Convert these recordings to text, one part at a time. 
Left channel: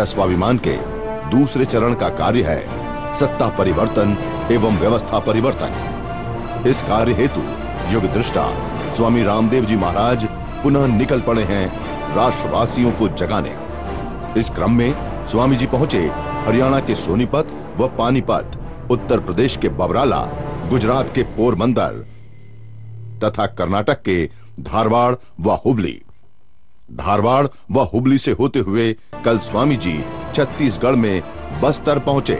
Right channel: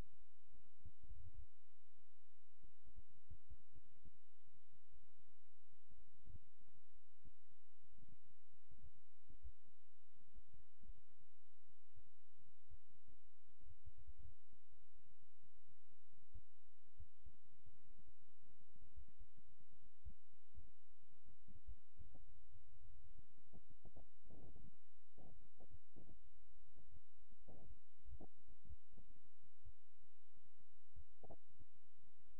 भारत स्वाभिमान के दूसरे चरण का कार्य है सत्ता परिवर्तन एवं व्यवस्था परिवर्तन। इस कार्य हेतु युग दृष्टा स्वामी रामदेव जी महाराज पुनः निकल पड़े हैं राष्ट्रवासियों को जगाने। इस क्रम में स्वामी जी पहुंचे हरियाणा के सोनीपत व पानीपत, उत्तर प्रदेश के बबराला, गुजरात के पोरबंदर तथा कर्नाटक के धारवाड़ व हुबली। धारवाड़ व हुबली से होते हुए कल स्वामी जी छत्तीसगढ़ में बस्तर पहुंचे।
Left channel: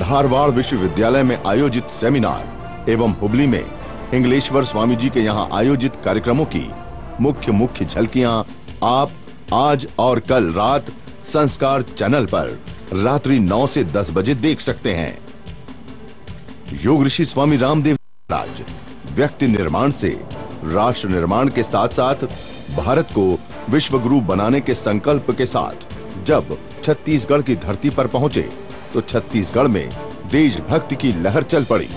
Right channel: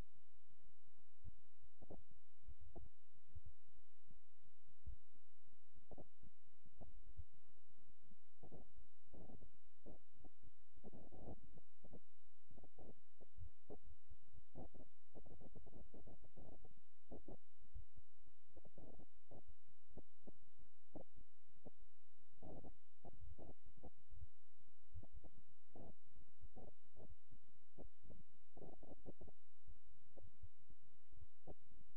धारवाड़ विश्वविद्यालय में आयोजित सेमिनार एवं हुबली में हिंगलेश्वर स्वामी जी के यहां आयोजित कार्यक्रमों की मुख्य झलकियां आप आज और कल रात संस्कार चैनल पर रात्रि 9 से 10 बजे देख सकते हैं। योग ऋषि स्वामी रामदेव महाराज व्यक्ति निर्माण से राष्ट्र निर्माण के साथ साथ भारत को विश्व गुरु बनाने के संकल्प के साथ जब छत्तीसगढ़ की धरती पर पहुंचे तो छत्तीसगढ़ में देशभक्ति की लहर चल पड़ी।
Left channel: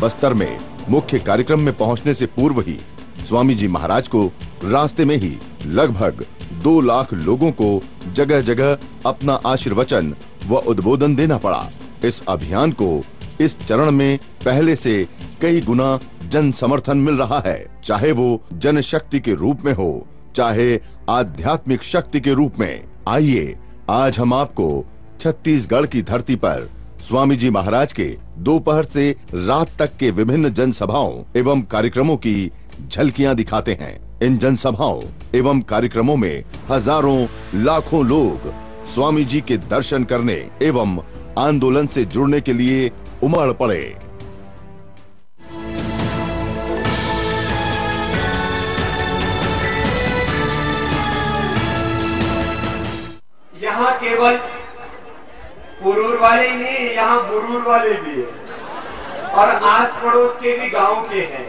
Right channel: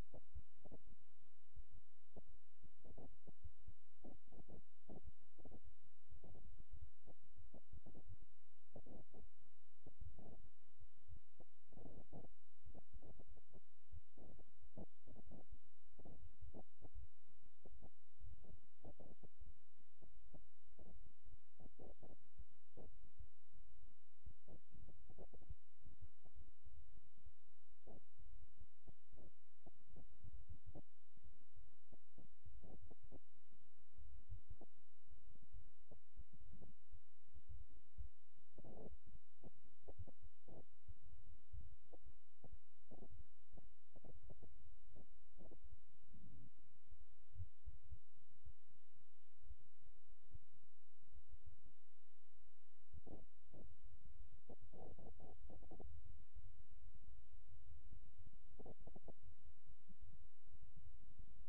बस्तर में मुख्य कार्यक्रम में पहुंचने से पूर्व ही स्वामी जी महाराज को रास्ते में ही लगभग 2 लाख लोगों को जगह जगह अपना आशीर्वचन व उद्बोधन देना पड़ा। इस अभियान को इस चरण में पहले से कई गुना जन समर्थन मिल रहा है, चाहे वो जनशक्ति के रूप में हो, चाहे आध्यात्मिक शक्ति के रूप में। आइए आज हम आपको छत्तीसगढ़ की धरती पर स्वामी जी महाराज के दोपहर से रात तक के विभिन्न जनसभाओं एवं कार्यक्रमों की झलकियां दिखाते हैं। इन जनसभाओं एवं कार्यक्रमों में हजारों लाखों लोग स्वामी जी के दर्शन करने एवं आंदोलन से जुड़ने के लिए उमड़ पड़े। यहाँ केवल पुरूर वाले ही नहीं, यहाँ बुरूर वाले भी है और आस पड़ोस के भी गांव के हैं।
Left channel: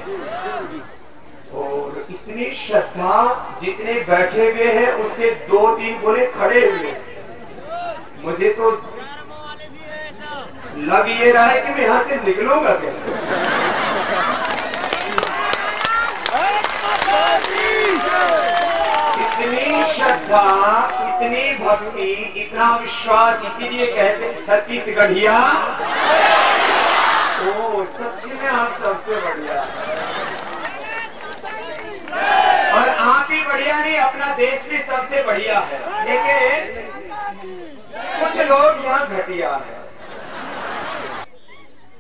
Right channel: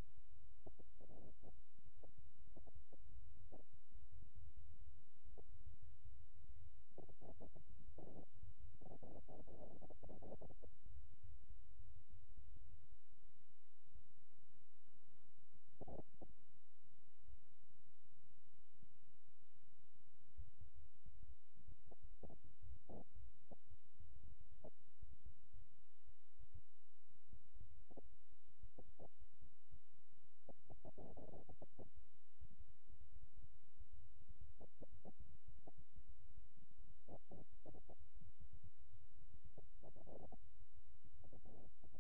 और इतनी श्रद्धा, जितने बैठे हुए हैं उससे 2-3 बोले खड़े हुए। मुझे तो लग ये रहा है कि मैं यहां से निकलूंगा कैसे। इतनी श्रद्धा, इतनी भक्ति, इतना विश्वास, इसीलिए कहते हैं छत्तीसगढ़िया ओ सच में आप सबसे बढ़िया। और आप ही बढ़िया नहीं, अपना देश भी सबसे बढ़िया है। लेकिन कुछ लोग यहाँ घटिया है।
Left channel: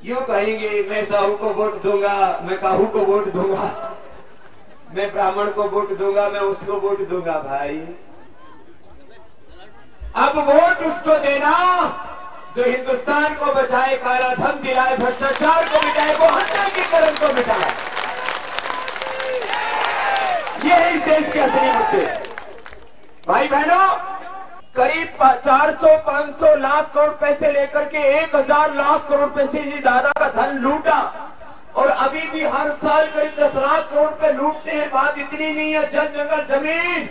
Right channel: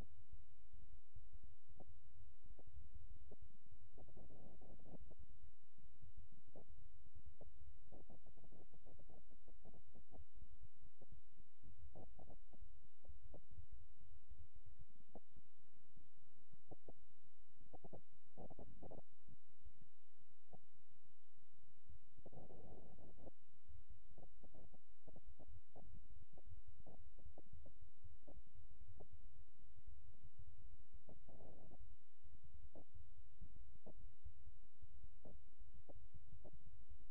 यूं कहेंगे मैं साहू को वोट दूंगा, मैं काहू को वोट दूंगा, मैं ब्राह्मण को वोट दूंगा, मैं उसको वोट दूंगा। भाई अब वोट उसको देना जो हिंदुस्तान को बचाए, काला धन दिलाए, भ्रष्टाचार को मिटाए, वो हत्या के कर्म को मिटाए। ये है इस देश के असली मुद्दे। भाई बहनों, करीब 400-500 लाख करोड़ पैसे लेकर के 1000 लाख करोड़ पैसे जी दादा का धन लूटा और अभी भी हर साल करीब 10 लाख करोड़ पे लूटते हैं। बात इतनी नहीं है, जंगल जमीन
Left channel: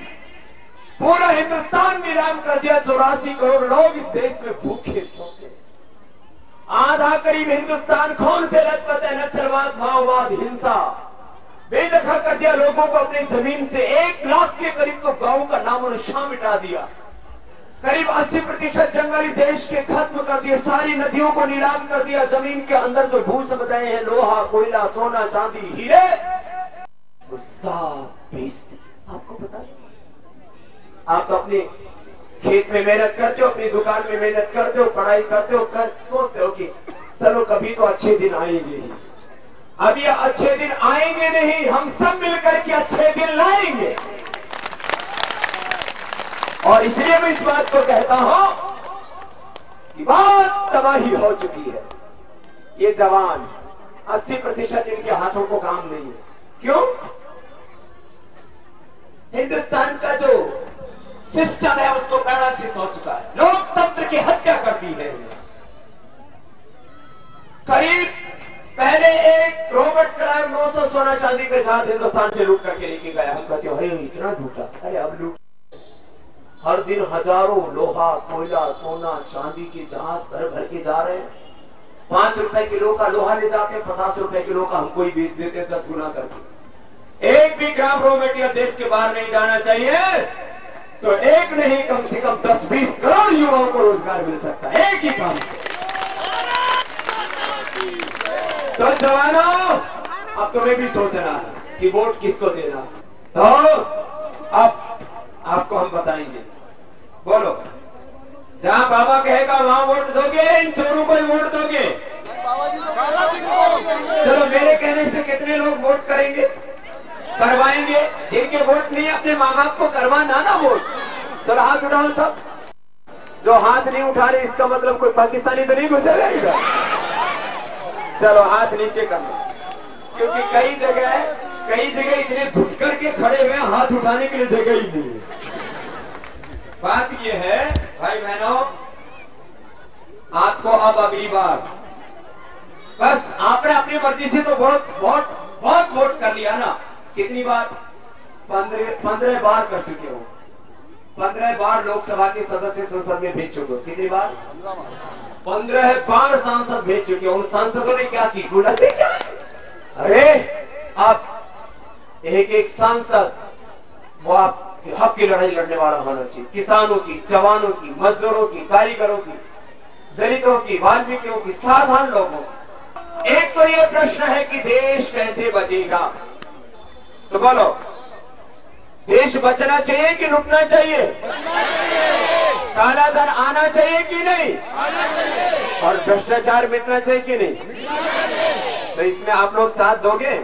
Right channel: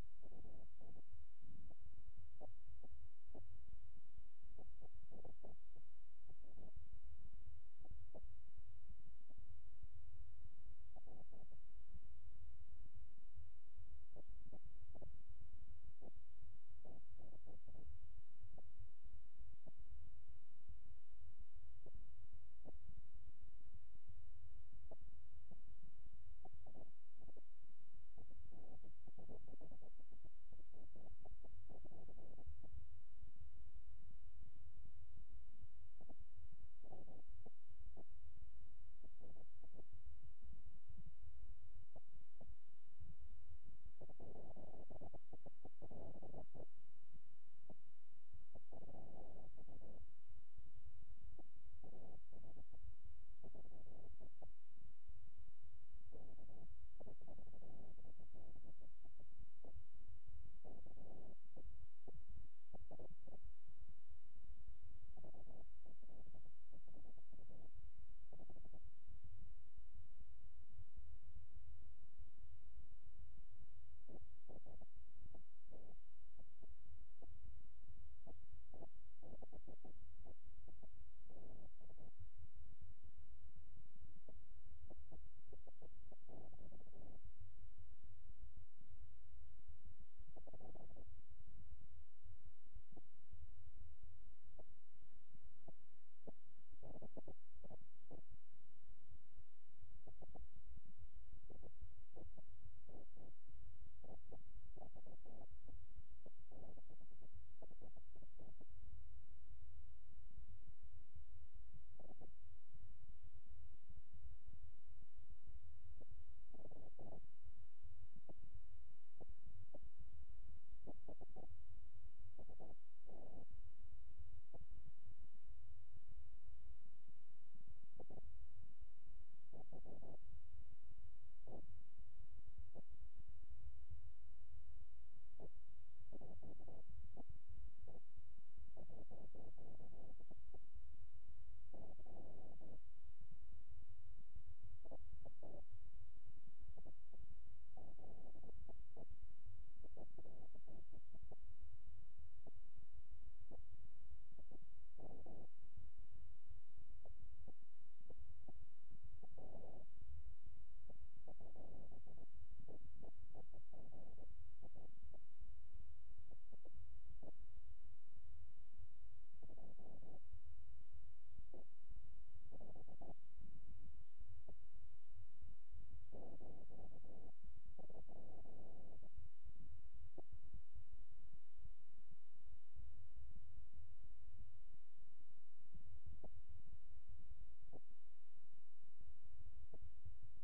पूरा हिंदुस्तान नीलाम कर दिया। 84 करोड़ लोग इस देश में भूखे सोते। आधा करीब हिंदुस्तान खून से लथपथ है। नक्सलवाद, माओवाद, हिंसा बेदखल कर दिया लोगों को अपनी जमीन से। 1 लाख के करीब तो गांव का नामो निशान मिटा दिया। करीब 80% जंगल इस देश के खत्म कर दिए। सारी नदियों को नीलाम कर दिया। जमीन के अंदर जो भू संपदाएं हैं, लोहा, कोयला, सोना, चांदी, हीरे, वो सब बेच दिए। आपको पता है, आप तो अपने खेत में मेहनत करते हो, अपनी दुकान में मेहनत करते हो, पढ़ाई करते हो, सोचते हो कि चलो कभी तो अच्छे दिन आएंगे ही। अब ये अच्छे दिन आएंगे नहीं, हम सब मिलकर के अच्छे दिन लाएंगे। और इसलिए मैं इस बात को कहता हूं कि बहुत तबाही हो चुकी है। ये जवान 80% इनके हाथों को काम नहीं है। क्यों? हिंदुस्तान का जो सिस्टम है उसको पैरासिस हो चुका है। लोकतंत्र की हत्या कर दी है। करीब पहले एक रॉबर्ट क्लाइव 900 सोना चांदी के साथ हिंदुस्तान से लूट करके लेके गया। हम कहते हैं इतना लूटा। अरे अब लूट, हर दिन हजारों लोहा, कोयला, सोना, चांदी की जहाज भर भर के जा रहे हैं। 5 रुपए किलो का लोहा ले जाते हैं, 50 रुपए किलो का हमको ही बेच देते हैं 10 गुना करके। एक भी ग्राम रॉ मटेरियल देश के बाहर नहीं जाना चाहिए। तो एक नहीं कम से कम 10-20 करोड़ युवाओं को रोजगार मिल सकता है एक ही काम से। तो जवानों, अब तुम्हें भी सोचना है कि वोट किसको देना। तो अब आपको हम बताएंगे, बोलो जहां बाबा कहेगा वहां वोट दोगे, इन चोरों को ही वोट दोगे? चलो मेरे कहने से कितने लोग वोट करेंगे, करवाएंगे? जिनके वोट नहीं अपने माँ बाप को करवाना ना वोट, चलो हाथ उठाओ सब। जो हाथ नहीं उठा रहे इसका मतलब कोई पाकिस्तानी तो नहीं घुसे रहेगा। चलो हाथ नीचे कर लो, क्योंकि कई जगह इतने घुट करके खड़े हुए हाथ उठाने के लिए जगह ही नहीं है। बात ये है भाई बहनों, आपको अब अगली बार बस आपने अपनी मर्जी से तो बहुत वोट कर लिया ना। कितनी बार? 15 बार कर चुके हो। 15 बार लोकसभा के सदस्य संसद में भेज चुके हो। कितनी बार? 15 बार सांसद भेज चुके हो। उन सांसदों ने क्या की? गुलाबी क्या? अरे आप एक सांसद वो आप हक की लड़ाई लड़ने वाला होना चाहिए। किसानों की, जवानों की, मजदूरों की, कारीगरों की, दलितों की, वाल्मीकियों की, साधारण लोगों की। एक तो ये प्रश्न है कि देश कैसे बचेगा। तो बोलो, देश बचना चाहिए कि रुकना चाहिए? काला धन आना चाहिए कि नहीं? और भ्रष्टाचार मिटना चाहिए कि नहीं? तो इसमें आप लोग साथ दोगे?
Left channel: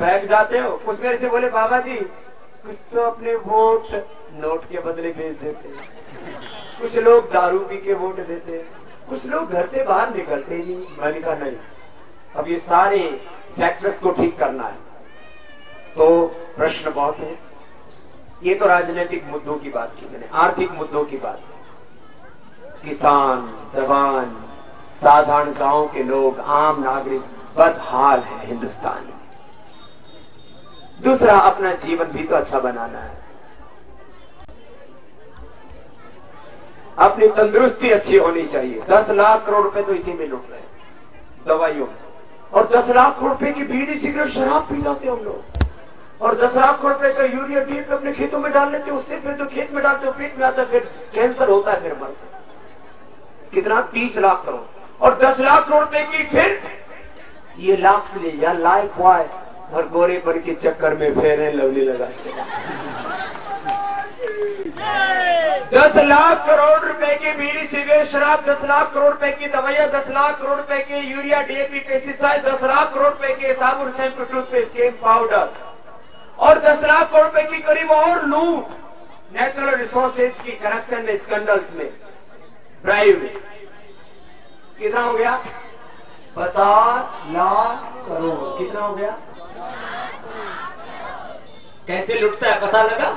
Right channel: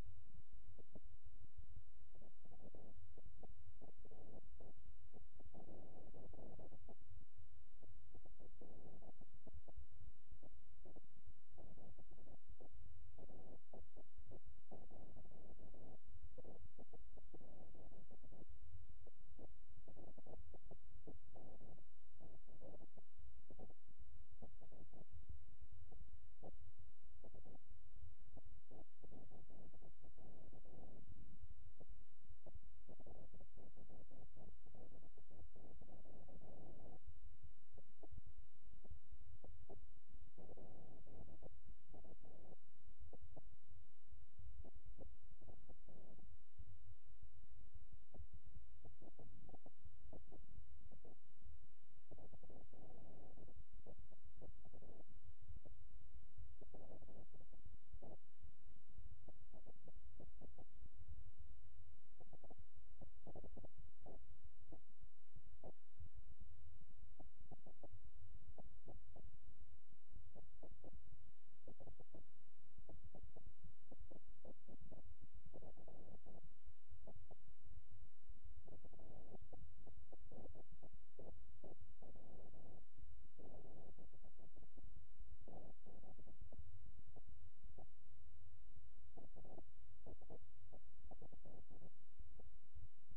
बैठ जाते हो। कुछ मेरे से बोले बाबा जी कुछ तो अपने वोट नोट के बदले भेज देते हैं, कुछ लोग दारू पी के वोट देते हैं, कुछ लोग घर से बाहर निकलते ही नहीं। मैंने कहा नहीं, अब ये सारे फैक्टर्स को ठीक करना है। तो प्रश्न बहुत है। ये तो राजनीतिक मुद्दों की बात की मैंने, आर्थिक मुद्दों की बात। किसान, जवान, साधारण गांव के लोग, आम नागरिक बदहाल है हिंदुस्तान में। दूसरा, अपना जीवन भी तो अच्छा बनाना है, अपनी तंदुरुस्ती अच्छी होनी चाहिए। 10 लाख करोड़ रुपए तो इसी में लुट रहे दवाइयों में, और 10 लाख करोड़ रुपए की बीड़ी सिगरेट शराब पी जाते हम लोग, और 10 लाख करोड़ रुपए का यूरिया डीएपी अपने खेतों में डाल लेते, उससे फिर जो खेत में डालते हो पेट में आता है, फिर कैंसर होता है, फिर मरते। कितना? 30 लाख करोड़। और 10 लाख करोड़ रुपए की फिर ये लाख से ले या लाइक वाई और गोरे पर के चक्कर में फेयर एंड लवली लगाते। 10 लाख करोड़ रुपए की बीड़ी सिगरेट शराब, 10 लाख करोड़ रुपए की दवाइयां, 10 लाख करोड़ रुपए के urea DAP pesticide, 10 lakh crore रुपए के साबुन शैम्पू टूथपेस्ट क्रीम पाउडर, और 10 लाख करोड़ रुपए की करीब और लूट, नेचुरल रिसोर्सेज की करप्शन में, स्कैंडल्स में, ब्राइब में। कितना हो गया? 50 लाख करोड़। कितना हो गया? कैसे लुटता है पता लगा?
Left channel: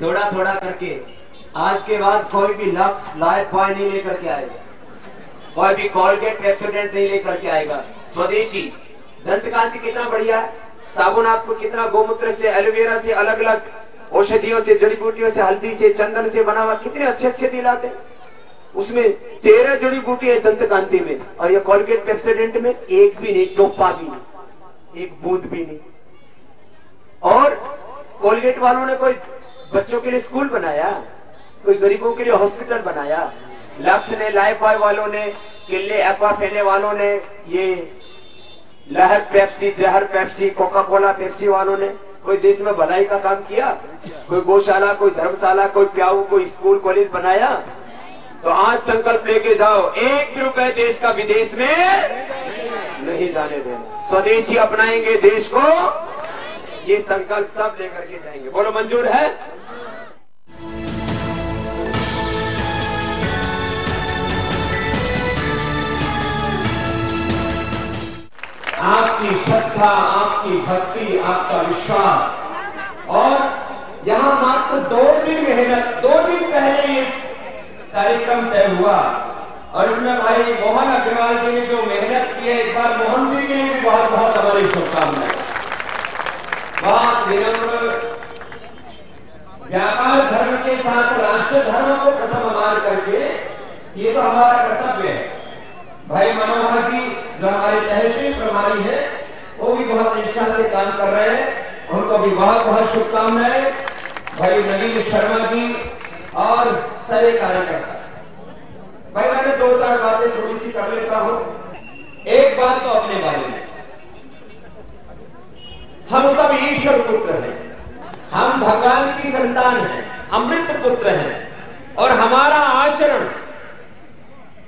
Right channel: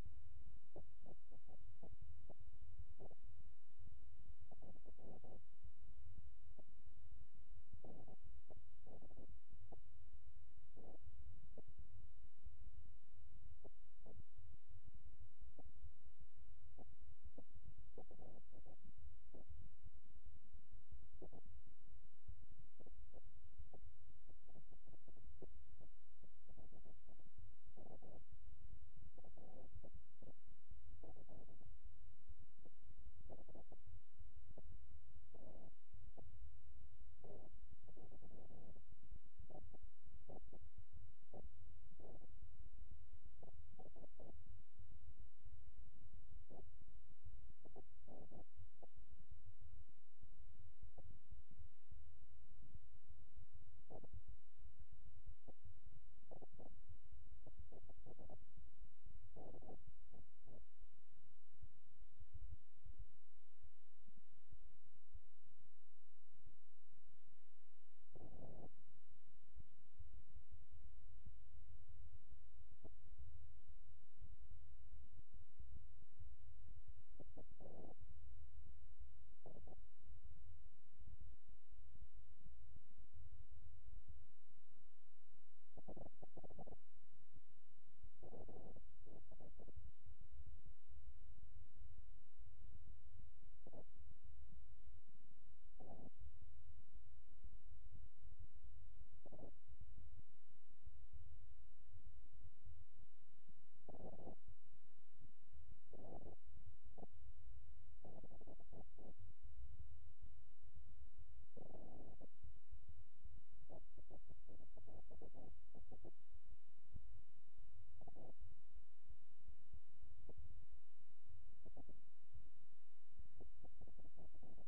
थोड़ा थोड़ा करके। आज के बाद कोई भी लक्स लाइफ बॉय नहीं लेकर के आएगा, कोई भी कोलगेट पेप्सोडेंट नहीं लेकर के आएगा। स्वदेशी दंतकांति कितना बढ़िया है, साबुन आपको कितना गोमूत्र से, एलोवेरा से, अलग अलग औषधियों से, जड़ी बूटियों से, हल्दी से, चंदन से बना हुआ, कितने अच्छे अच्छे दिलाते। उसमें 13 जड़ी बूटी है दंतकांति में, और ये कोलगेट पेप्सोडेंट में एक भी नहीं, टोपा भी नहीं, एक बूंद भी नहीं। और कोलगेट वालों ने कोई बच्चों के लिए स्कूल बनाया, कोई गरीबों के लिए हॉस्पिटल बनाया। लक्स ने, लाइफ बॉय वालों ने, किले एक्वाफेने वालों ने, ये लहर पेप्सी, जहर पेप्सी, कोका कोला पेप्सी वालों ने कोई देश में भलाई का काम किया? कोई गौशाला, कोई धर्मशाला, कोई प्याऊ, कोई स्कूल कॉलेज बनाया? तो आज संकल्प लेके जाओ, 1 भी रुपए देश का विदेश में नहीं जाने देना। स्वदेशी अपनाएंगे देश को, ये संकल्प सब लेकर के जाएंगे। बोलो मंजूर है? आपकी श्रद्धा, आपकी भक्ति, आपका विश्वास, और यहाँ मात्र 2 दिन मेहनत, 2 दिन पहले ये कार्यक्रम तय हुआ, और इसमें भाई मोहन अग्रवाल जी ने जो मेहनत की है, इस बार मोहन जी के लिए भी बहुत बहुत हमारी शुभकामनाएं। बहुत विनम्र, व्यापार धर्म के साथ राष्ट्र धर्म को प्रथम मान करके, ये तो हमारा कर्तव्य है। भाई मनोहर जी जो हमारे तहसील प्रभारी है, वो भी बहुत निष्ठा से काम कर रहे हैं, उनको भी बहुत बहुत शुभकामनाएं। भाई नवीन शर्मा जी और सारे कार्यकर्ता। भाई मैंने 2-4 बातें थोड़ी सी कर लेता हूं। एक बात तो अपने बारे में, हम सब ईश्वर पुत्र हैं, हम भगवान की संतान हैं, अमृत पुत्र हैं, और हमारा आचरण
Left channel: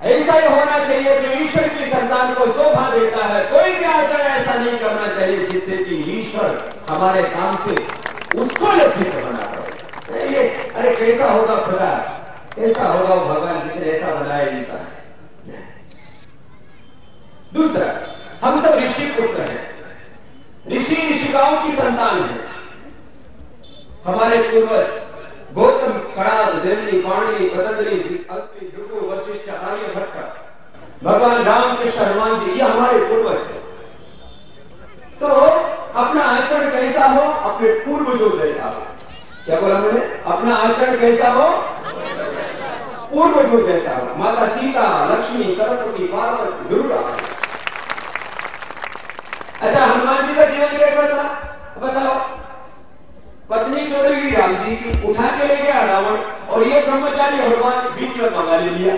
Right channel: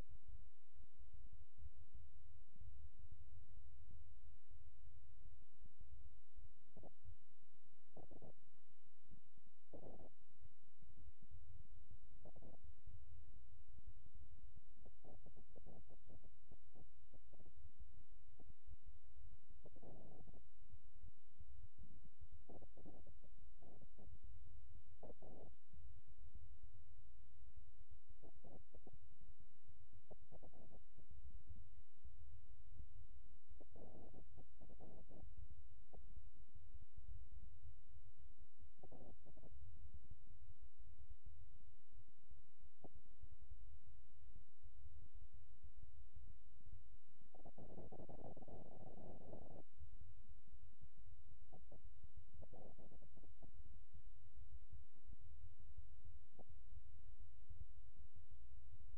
ऐसा ही होना चाहिए जो ईश्वर की संतान को शोभा देता है। कोई भी आचरण ऐसा नहीं करना चाहिए जिससे कि ईश्वर हमारे काम से उसको लज्जित बना पाए। ये अरे कैसा होगा खुदा, कैसा होगा वो भगवान जिसने ऐसा बनाया इंसान। दूसरा, हम सब ऋषि पुत्र हैं, ऋषि ऋषिकाओं की संतान है। हमारे पूर्वज गौतम, कणाद, जैमिनी, पाणिनि, पतंजलि, अत्रि, भृगु, वशिष्ठ, आर्यभट्ट, भगवान राम कृष्ण, हनुमान जी, ये हमारे पूर्वज हैं। तो अपना आचरण कैसा हो, अपने पूर्वजों जैसा हो। क्या बोला मैंने? अपना आचरण कैसा हो, पूर्वजों जैसा हो। माता सीता, लक्ष्मी, सरस्वती, पार्वती, दुर्गा। अच्छा, हनुमान जी का जीवन कैसा था बताओ? पत्नी चोरी गई राम जी की, उठा के ले गया रावण, और ये ब्रह्मचारी हनुमान बीच में मंगा ले लिया।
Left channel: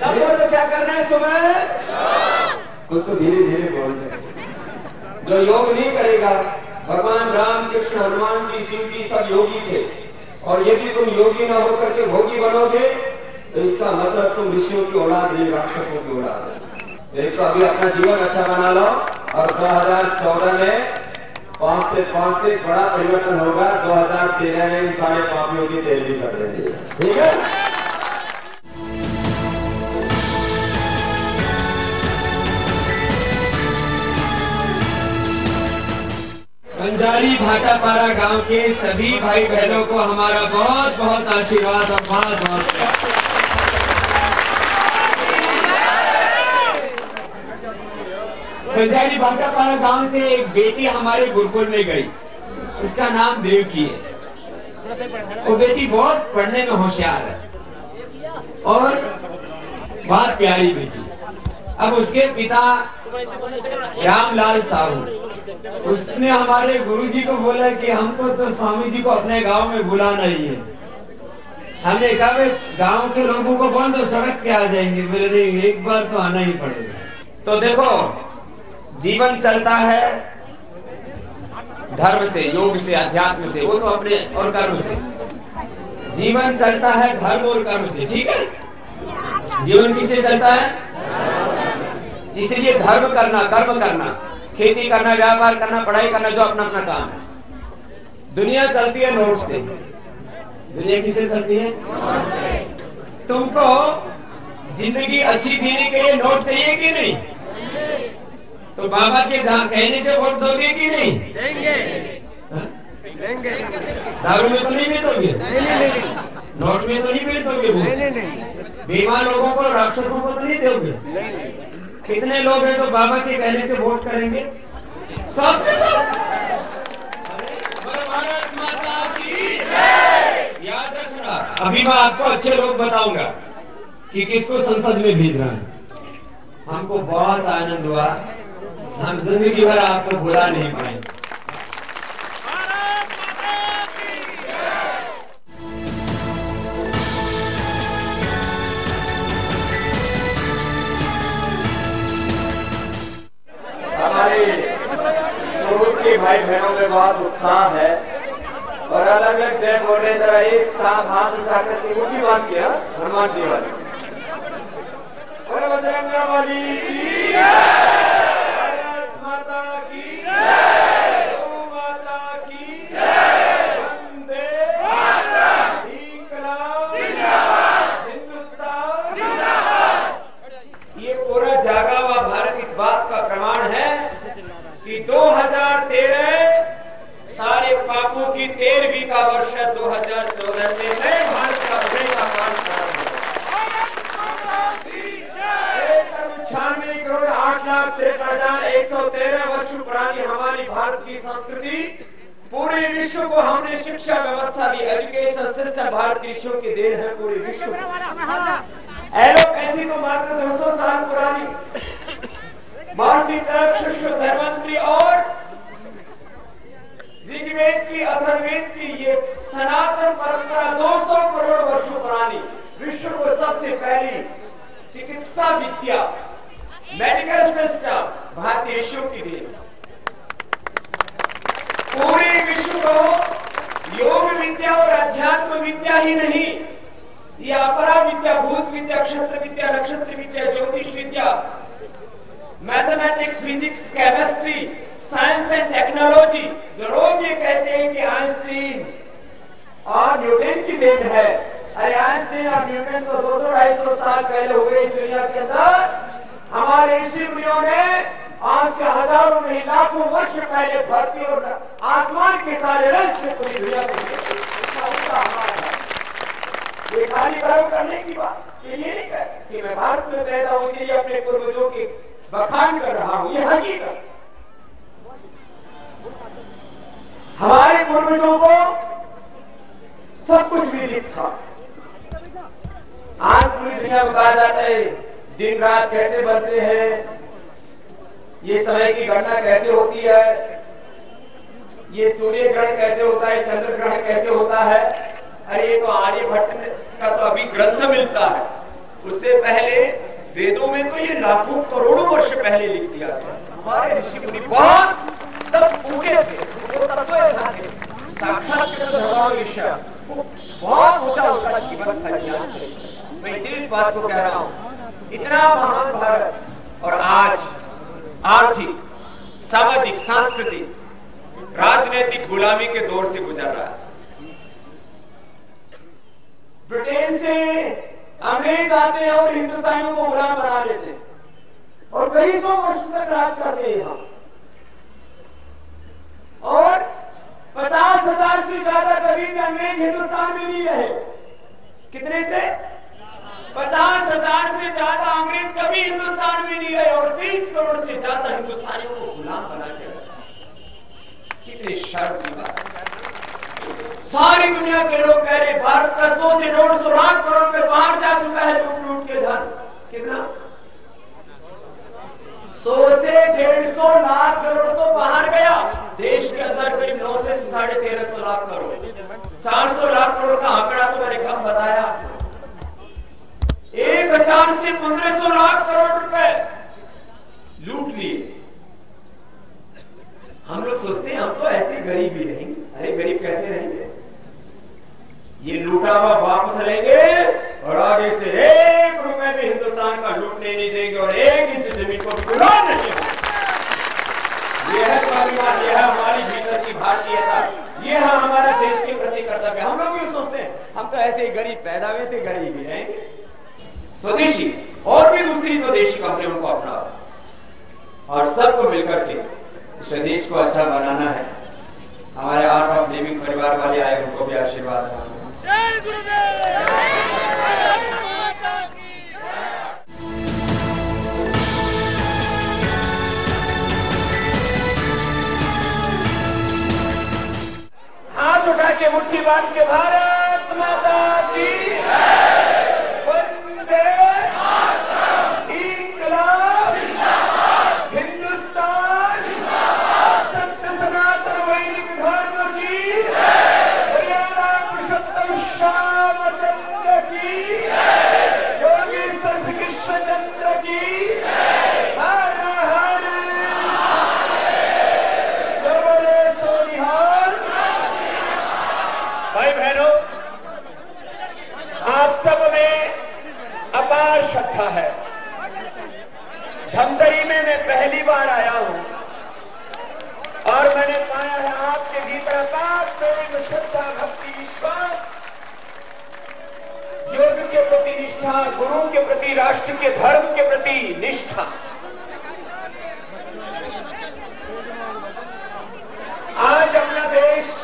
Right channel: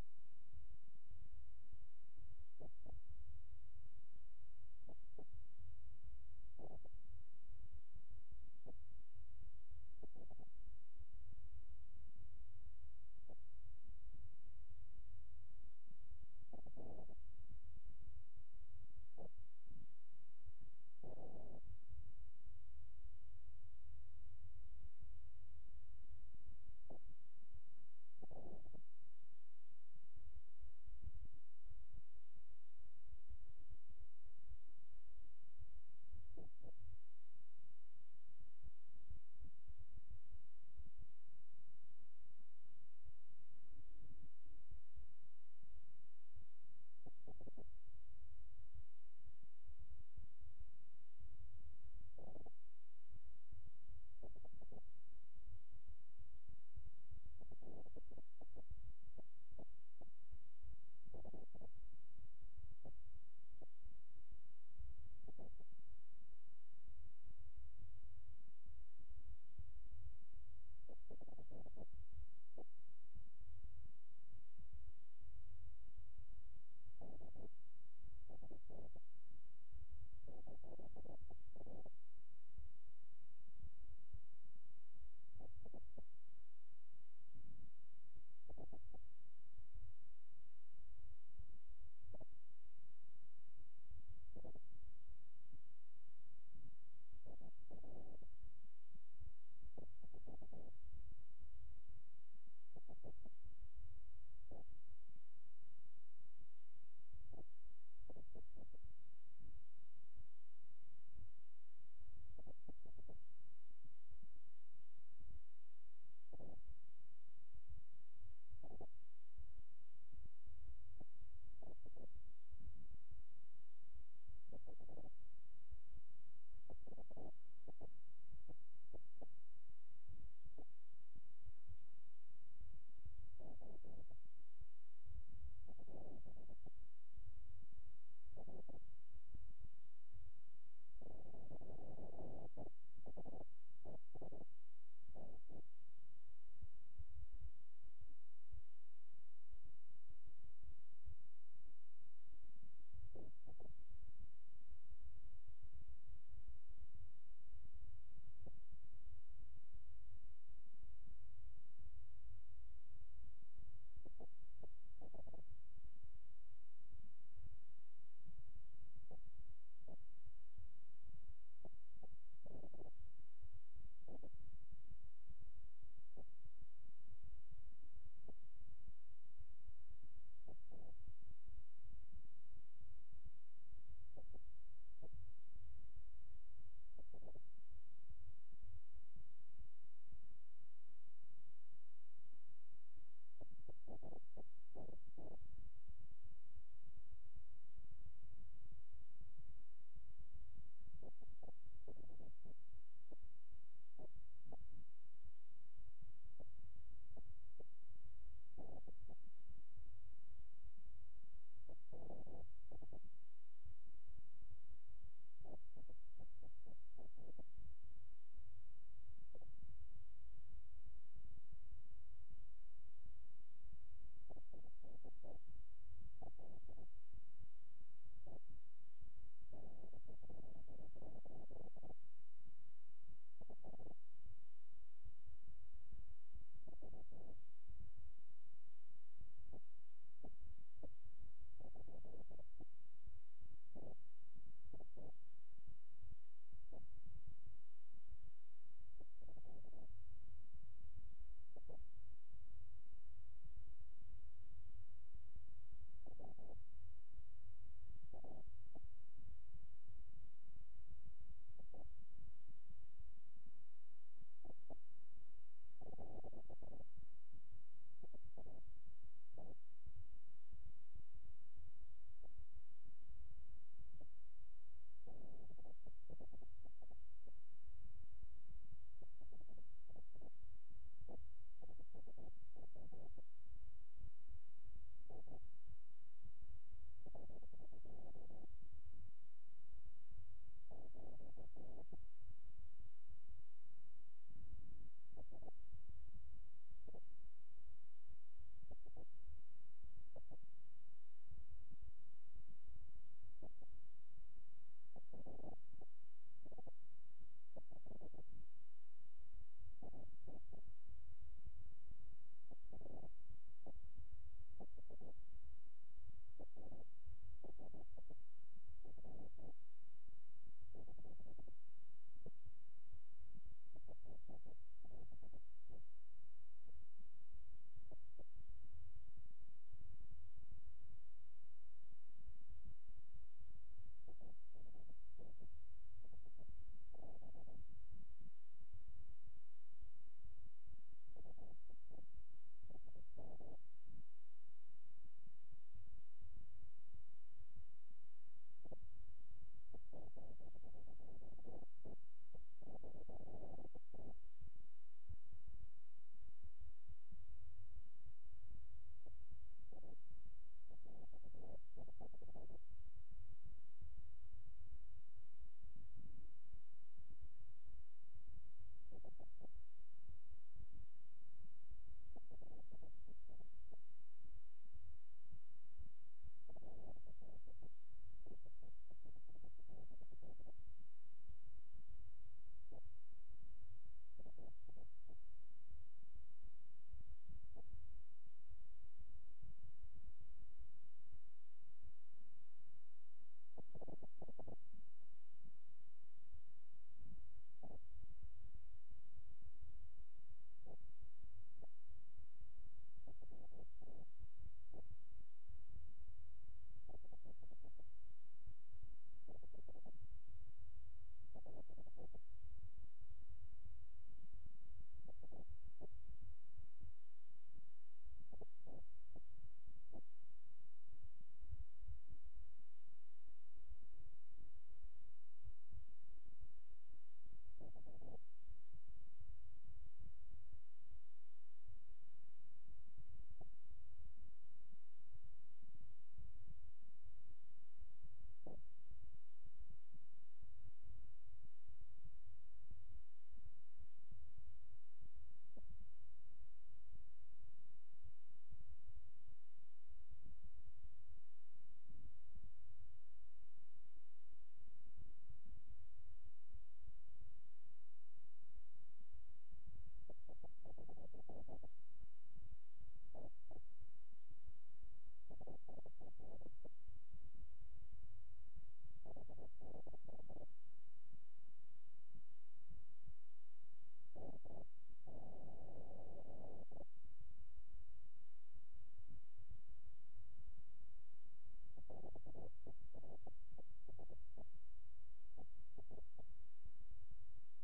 सबको तो क्या करना है सुबह? कुछ तो धीरे धीरे बोल रहे। जो योग नहीं करेगा, भगवान राम कृष्ण, हनुमान जी, शिव जी सब योगी थे, और यदि तुम योगी ना होकर के भोगी बनोगे तो इसका मतलब तुम ऋषियों की औलाद नहीं, राक्षसों की औलाद। एक तो अभी अपना जीवन अच्छा बना लो, और 2014 में 5 से बड़ा परिवर्तन होगा। 2013 में सारे पापियों की तेल भी कर देंगे, ठीक है? बंजारी भाटापारा गांव के सभी भाई बहनों को हमारा बहुत बहुत आशीर्वाद और बहुत बहुत बंजारी भाटापारा गांव से एक बेटी हमारे गुरुकुल में गई, उसका नाम देवकी है। वो बेटी बहुत पढ़ने में होशियार है और बहुत प्यारी बेटी। अब उसके पिता रामलाल साहू, उसने हमारे गुरुजी को बोला कि हमको तो स्वामी जी को अपने गांव में बुलाना ही है। हमने कहा गांव के लोगों को बोल दो, सड़क पे आ जाएंगे। बोले नहीं, एक बार तो आना ही पड़ेगा। तो देखो, जीवन चलता है धर्म से, योग से, अध्यात्म से, वो तो अपने, और कर्म से। जीवन चलता है धर्म और कर्म से, ठीक है? जीवन किससे चलता है? इसलिए धर्म करना, कर्म करना, खेती करना, व्यापार करना, पढ़ाई करना, जो अपना अपना काम है। दुनिया चलती है नोट से। दुनिया किससे चलती है? तुमको जिंदगी अच्छी जीने के लिए नोट चाहिए कि नहीं? तो बाबा के कहने से वोट दोगे कि नहीं? देंगे। देंगे। दारू में तो नहीं बेचोगे? नहीं। नोट में तो नहीं बेचोगे? नहीं। बीमार लोगों को, राक्षसों को तो नहीं दोगे? नहीं। कितने लोग हैं तो बाबा के कहने से वोट करेंगे? सब के सब। भारत माता की जय। याद रखना, अभी मैं आपको अच्छे लोग बताऊंगा कि किसको संसद में भेज रहा है। हमको बहुत आनंद हुआ, हम जिंदगी भर आपको भुला नहीं पाएंगे। भाई बहनों में बहुत उत्साह है और अलग अलग जय बोल रहे। जरा एक साथ हाथ उठा करके ऊंची बात किया, हनुमान जी वाली, बजरंग वाली की भारत माता की जय, गौ माता की जय, वंदे मातरम, इंकलाब जिंदाबाद, हिंदुस्तान जिंदाबाद। ये पूरा जागा हुआ भारत इस बात का प्रमाण है कि 2013 सारे पापों की 13वीं का वर्ष है। 2014 से नए भारत का उदय का काम प्रारंभ होगा। 96 करोड़ 8,53,113 वर्ष पुरानी हमारी भारत की संस्कृति पूरे विश्व को हमने शिक्षा व्यवस्था दी। एजुकेशन सिस्टम भारत की ऋषियों की देन है पूरे विश्व में। एलोपैथी तो मात्र 200 साल पुरानी, महर्षि तरक, शिष्य, धर्मंत्री और ऋग्वेद की, अथर्ववेद की ये सनातन परंपरा 200 करोड़ वर्षों पुरानी, विश्व को सबसे पहली चिकित्सा विद्या, मेडिकल सिस्टम भारतीय ऋषियों की देन। पूरे विश्व को योग विद्या और अध्यात्म विद्या ही नहीं, ये अपरा विद्या, भूत विद्या, क्षत्र विद्या, नक्षत्र विद्या, ज्योतिष विद्या, mathematics, physics, chemistry, science and technology, जो लोग ये कहते हैं कि आइंस्टीन और न्यूटन की देन है, अरे आइंस्टीन और न्यूटन तो 200-250 साल पहले हुए इस दुनिया के अंदर। हमारे ऋषि मुनियों ने आज से हजारों नहीं लाखों वर्ष पहले धरती और आसमान के सारे रहस्य पूरी दुनिया में ये खाली गर्व करने की बात, ये नहीं है कि मैं भारत में पैदा हूं इसलिए अपने पूर्वजों की बखान कर रहा हूं, ये हकीकत। हमारे पूर्वजों को सब कुछ विदित था। आज पूरी दुनिया में कहा जाता है दिन रात कैसे बनते हैं, ये समय की गणना कैसे होती है, ये सूर्य ग्रहण कैसे होता है, चंद्र ग्रहण कैसे होता है। अरे ये तो आर्यभट्ट का तो अभी ग्रंथ मिलता है, उससे पहले वेदों में तो ये लाखों करोड़ों वर्ष पहले लिख दिया था। हमारे ऋषि मुनि बहुत तब ऊंचे थे, वो तत्व थे, साक्षात भगवान ऋषि, बहुत ऊंचा उनका जीवन था, ज्ञान चरित्र। मैं इसीलिए इस बात को कह रहा हूं, इतना महान भारत और आज आर्थिक, सामाजिक, सांस्कृतिक, राजनीतिक गुलामी के दौर से गुजर रहा है। ब्रिटेन से अंग्रेज आते हैं और हिंदुस्तानियों को गुलाम बना लेते हैं और कई सौ वर्ष तक राज करते हैं यहाँ। और 50,000 से ज्यादा कभी भी अंग्रेज हिंदुस्तान में नहीं रहे। कितने से? 50,000 से ज्यादा अंग्रेज कभी हिंदुस्तान में नहीं रहे और 20 करोड़ से ज्यादा हिंदुस्तानियों को गुलाम बना के रखा। कितनी शर्म की बात। सारी दुनिया के लोग कह रहे भारत का 100 से 150 लाख करोड़ में बाहर जा चुका है लूट लूट के धन। कितना? 100 से 150 लाख करोड़ तो बाहर गया। देश के अंदर करीब 9 से 13.5 लाख करोड़, 400 लाख करोड़ का आंकड़ा तो मैंने कम बताया। 1000 से 1500 लाख करोड़ रुपए लूट लिए। हम लोग सोचते हैं हम तो ऐसे गरीब ही रहेंगे। अरे गरीब कैसे रहेंगे? ये लूटा हुआ वापस लेंगे और आगे से 1 रुपए भी हिंदुस्तान का लूटने नहीं देंगे और 1 इंच जमीन को विरोध नहीं। यह है स्वाभिमान, यह है हमारी भीतर की भारतीयता, यह है हमारे देश के प्रति कर्तव्य। हम लोग ये सोचते हैं हम तो ऐसे ही गरीब पैदा हुए थे, गरीब ही रहेंगे। स्वदेशी और भी दूसरी तो देशी कंपनियों को अपना और सबको मिलकर के इस देश को अच्छा बनाना है। हमारे आर्ट ऑफ लिविंग परिवार वाले आए, उनको भी आशीर्वाद दें। जय गुरुदेव। हाथ उठा के मुट्ठी बांध के भारत माता की वंदे मातरम, इंकलाब जिंदाबाद, हिंदुस्तान जिंदाबाद, सत्य सनातन वैदिक धर्म की हरियाणा पुरुषोत्तम श्यामचंद्र की, योगेश्वर श्री कृष्ण चंद्र की, हर हर जबरे सोनिहार। भाई बहनों, आप सब में अपार श्रद्धा है। धमतरी में मैं पहली बार आया हूं और मैंने पाया है आपके भीतर अपार प्रेम, श्रद्धा, भक्ति, विश्वास, योग के प्रति निष्ठा, गुरु के प्रति, राष्ट्र के धर्म के प्रति निष्ठा। आज अपना देश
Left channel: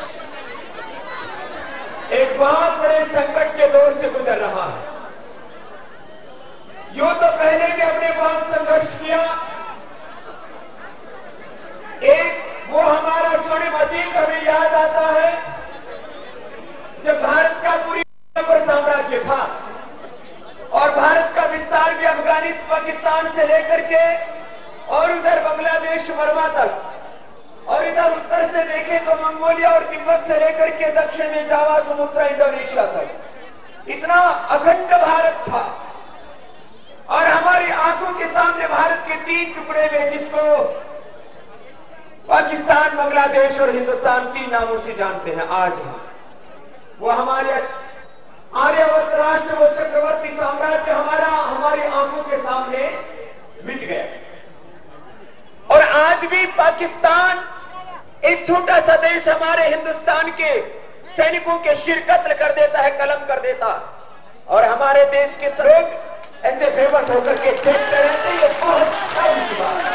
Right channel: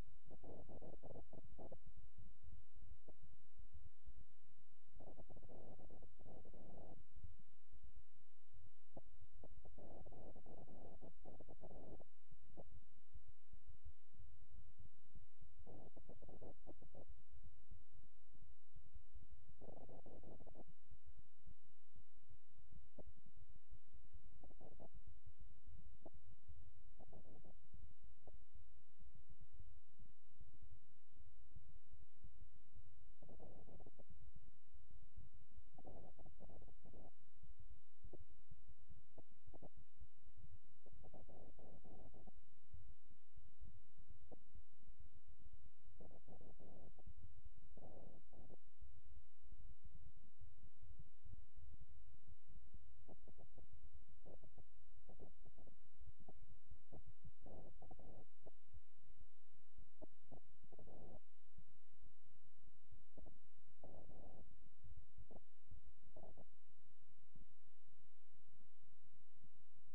एक बहुत बड़े संकट के दौर से गुजर रहा है। यो तो पहले भी हमने बहुत संघर्ष किया। एक वो हमारा स्वर्णिम अतीत हमें याद आता है जब भारत का पूरी पर साम्राज्य था और भारत का विस्तार भी अफगानिस्तान, पाकिस्तान से लेकर के और उधर बांग्लादेश, बर्मा तक और इधर उत्तर से देखें तो मंगोलिया और तिब्बत से लेकर के दक्षिण में जावा समुद्र इंडोनेशिया तक इतना अखंड भारत था। और हमारी आंखों के सामने भारत के 3 टुकड़े में, जिसको पाकिस्तान, बांग्लादेश और हिंदुस्तान 3 नामों से जानते हैं, आज हम वो हमारे आर्यावर्त राष्ट्र, वो चक्रवर्ती साम्राज्य हमारी आंखों के सामने मिट गया। और आज भी पाकिस्तान एक छोटा सा देश हमारे हिंदुस्तान के सैनिकों के सिर कत्ल कर देता है, कलम कर देता, और हमारे देश के लोग ऐसे बेबस होकर के देखते रहते हैं। ये बहुत शर्म की बात है।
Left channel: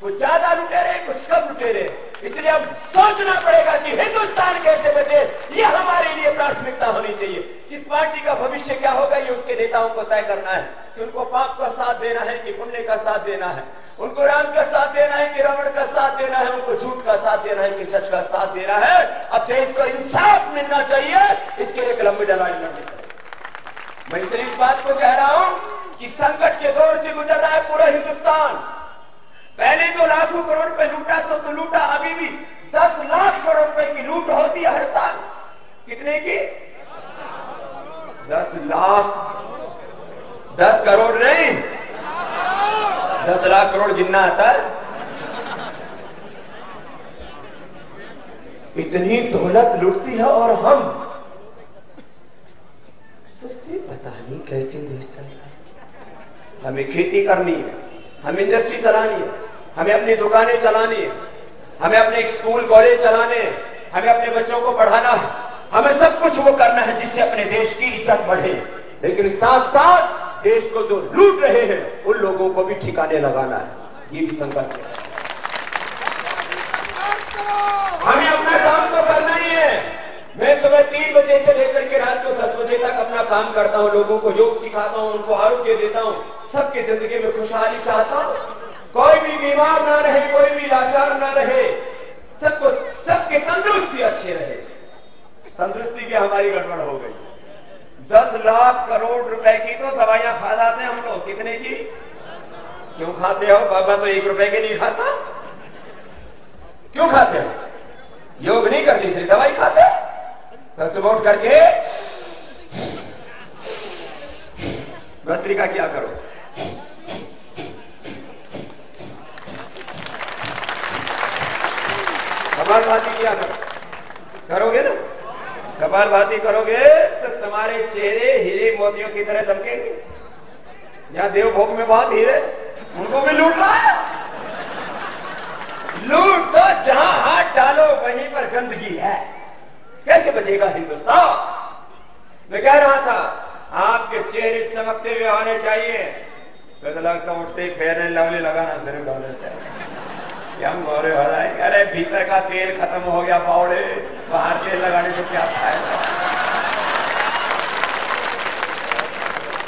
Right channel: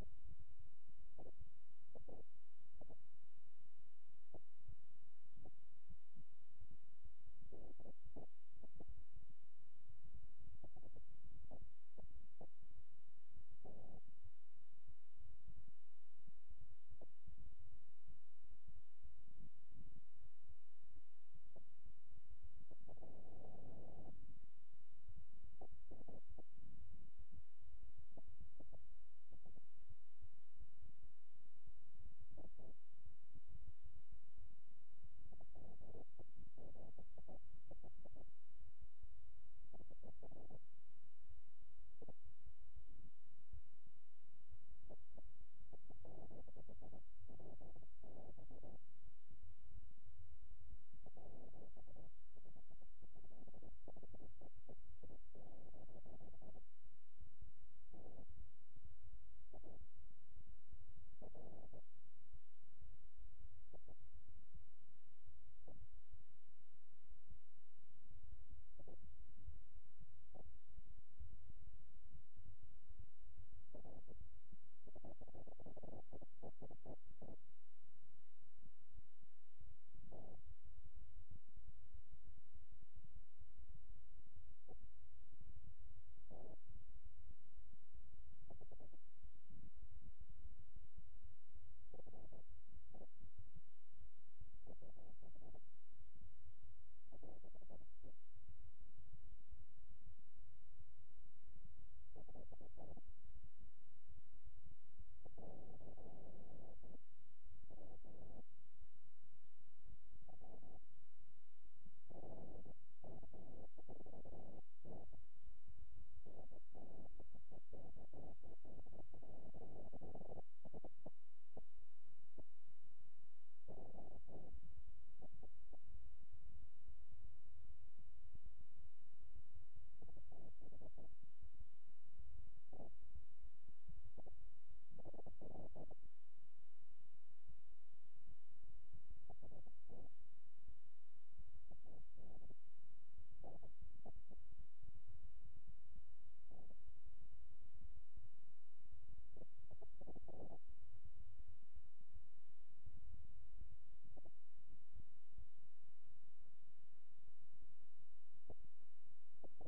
कुछ ज्यादा लुटेरे, कुछ कम लुटेरे, इसलिए अब सोचना पड़ेगा कि हिंदुस्तान कैसे बचे। ये हमारे लिए प्राथमिकता होनी चाहिए। किस पार्टी का भविष्य क्या होगा, ये उसके नेताओं को तय करना है कि उनको पाप का साथ देना है कि पुण्य का साथ देना है, उनको राम का साथ देना है कि रावण का साथ देना है, उनको झूठ का साथ देना है कि सच का साथ देना है। अब देश को इंसाफ मिलना चाहिए, इसके लिए एक लंबी लड़ाई लड़नी चाहिए। मैं इसलिए इस बात को कह रहा हूं कि संकट के दौर से गुजर रहा है पूरा हिंदुस्तान। पहले तो लाखों करोड़ रुपए लूटा, सो तो लूटा, अभी भी 10 लाख करोड़ रुपए की लूट होती है हर साल। कितने की? 10 लाख, 10 करोड़ नहीं, 10 लाख करोड़ गिनना आता है। इतनी दौलत लूटती है और हम सोचते पता नहीं कैसे देश चल रहा है। हमें खेती करनी है, हमें इंडस्ट्री चलानी है, हमें अपनी दुकानें चलानी है, हमें अपने स्कूल कॉलेज चलाने हैं, हमें अपने बच्चों को पढ़ाना है, हमें सब कुछ वो करना है जिससे अपने देश की इज्जत बढ़े। लेकिन साथ साथ देश को जो लूट रहे हैं उन लोगों को भी ठिकाने लगाना है। ये भी संकल्प है। हमें अपना काम तो करना ही है। मैं सुबह 3 बजे से लेकर के रात को 10 बजे तक अपना काम करता हूँ, लोगों को योग सिखाता हूँ, उनको आरोग्य देता हूँ, सबकी जिंदगी में खुशहाली चाहता हूँ। कोई भी बीमार ना रहे, कोई भी लाचार ना रहे, सबके तंदुरुस्ती अच्छी रहे। तंदुरुस्ती की हमारी गड़बड़ हो गई। 10 लाख करोड़ रुपए की तो दवाइयां खा जाते हैं हम लोग। कितने की? क्यों खाते हो बाबा? तो 1 रुपए के नहीं खाता। क्यों खाते हो? योग नहीं करते इसलिए दवाई खाते। तो सुबह उठ करके भस्त्रिका क्या करो, कपालभाति क्या करोगे ना? कपालभाति करोगे तो तुम्हारे चेहरे हीरे मोतियों की तरह चमकेंगे। यहाँ देवभोग में बहुत हीरे, उनको भी लूट रहा है। लूट तो जहां हाथ डालो वहीं पर गंदगी है। कैसे बचेगा हिंदुस्तान? मैं कह रहा था आपके चेहरे चमकते हुए आने चाहिए। कैसा लगता उठते फेयर एंड लवली लगाना शुरू कर देते हैं, हम गोरे हो जाएंगे। अरे भीतर का तेल खत्म हो गया पाउडे, बाहर तेल लगाने से क्या फायदा?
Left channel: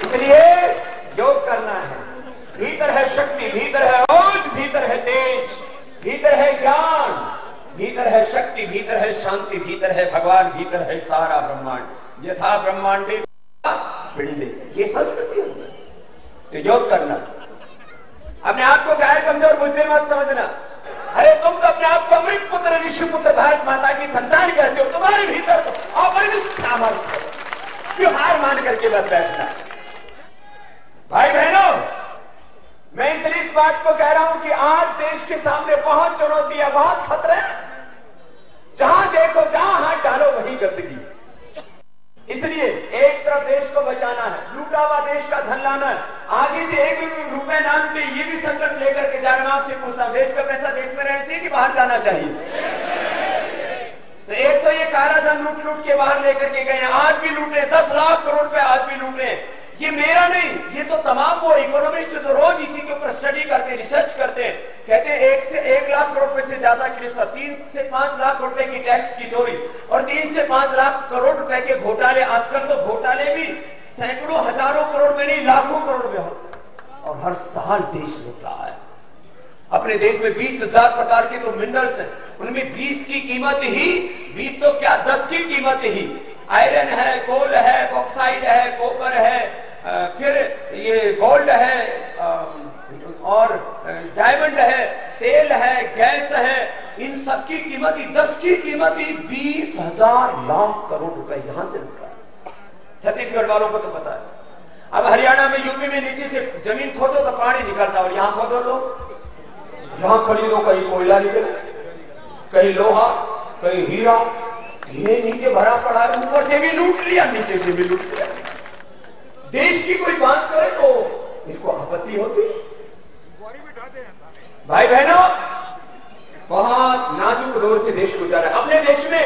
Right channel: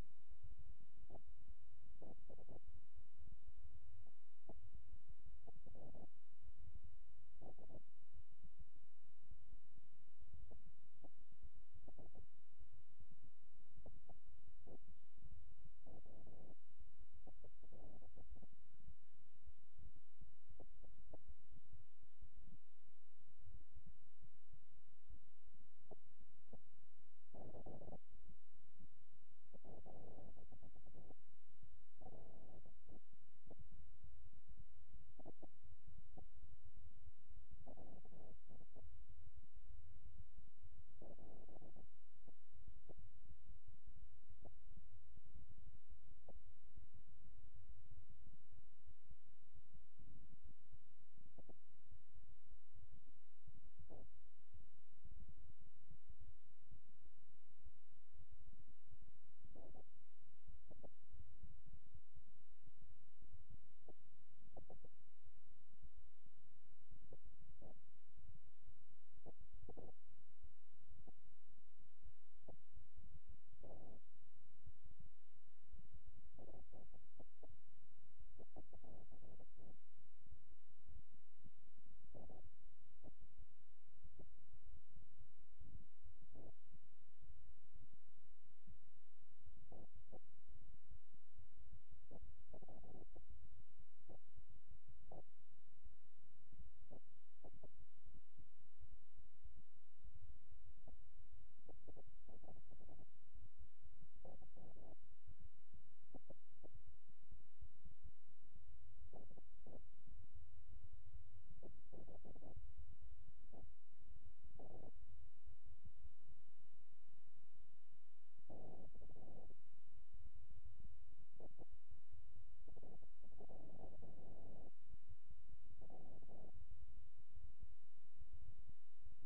इसलिए योग करना है। भीतर है शक्ति, भीतर है ओज, भीतर है तेज, भीतर है ज्ञान, भीतर है शक्ति, भीतर है शांति, भीतर है भगवान, भीतर है सारा ब्रह्मांड। यथा ब्रह्मांडे पिंडे, ये संस्कृति है। तो योग करना। अपने आप को गैर कमजोर बुजदिल मत समझना। अरे तुम तो अपने आप को अमृत पुत्र, ऋषि पुत्र, भारत माता की संतान कहते हो। तुम्हारे भीतर तो अपरिमित सामर्थ्य है। क्यों हार मान करके मत बैठना? भाई बहनों, मैं इसलिए इस बात को कह रहा हूं कि आज देश के सामने बहुत चुनौतियां, बहुत खतरे हैं। जहां देखो, जहां हाथ डालो वहीं गंदगी। इसलिए एक तरफ देश को बचाना है, लूटा हुआ देश का धन लाना है, आगे से 1 रुपए ना लूटे, ये भी संकल्प लेकर के जाना। आपसे पूछता हूं, देश का पैसा देश में रहना चाहिए कि बाहर जाना चाहिए? तो एक तो ये काला धन लूट के बाहर लेकर के गए, आज भी लूट रहे, 10 लाख करोड़ रुपए आज भी लूट रहे। ये मेरा नहीं, ये तो तमाम वो इकोनॉमिस्ट जो रोज इसी के ऊपर स्टडी करते हैं, रिसर्च करते हैं, कहते हैं 1 से 1 लाख करोड़ रुपए से ज्यादा की रिश्वत, 3 से 5 लाख रुपए की टैक्स की चोरी और 3 से 5 लाख करोड़ रुपए के घोटाले। आजकल तो घोटाले भी सैकड़ों हजारों करोड़ में नहीं, लाखों करोड़ में होते और हर साल देश लूट रहा है। अपने देश में 20,000 प्रकार के तो मिनरल्स हैं, उनमें 20 की कीमत ही 20 तो क्या 10 की कीमत ही आयरन है, कोल है, बॉक्साइड है, कॉपर है, फिर ये गोल्ड है और डायमंड है, छत्तीसगढ़ वालों को तो पता है। अब हरियाणा में, यूपी में नीचे से जमीन खोदो तो पानी निकलता, और यहां खोदो तो यहां खरीदो, कहीं कोयला निकले, कहीं लोहा, कहीं हीरा, ये नीचे भरा पड़ा है, ऊपर से भी लूट लिया, नीचे से भी लूट लिया। देश की कोई बात करे तो इनको आपत्ति होती। भाई बहनों, बहुत नाजुक दौर से देश गुजर है। अपने देश में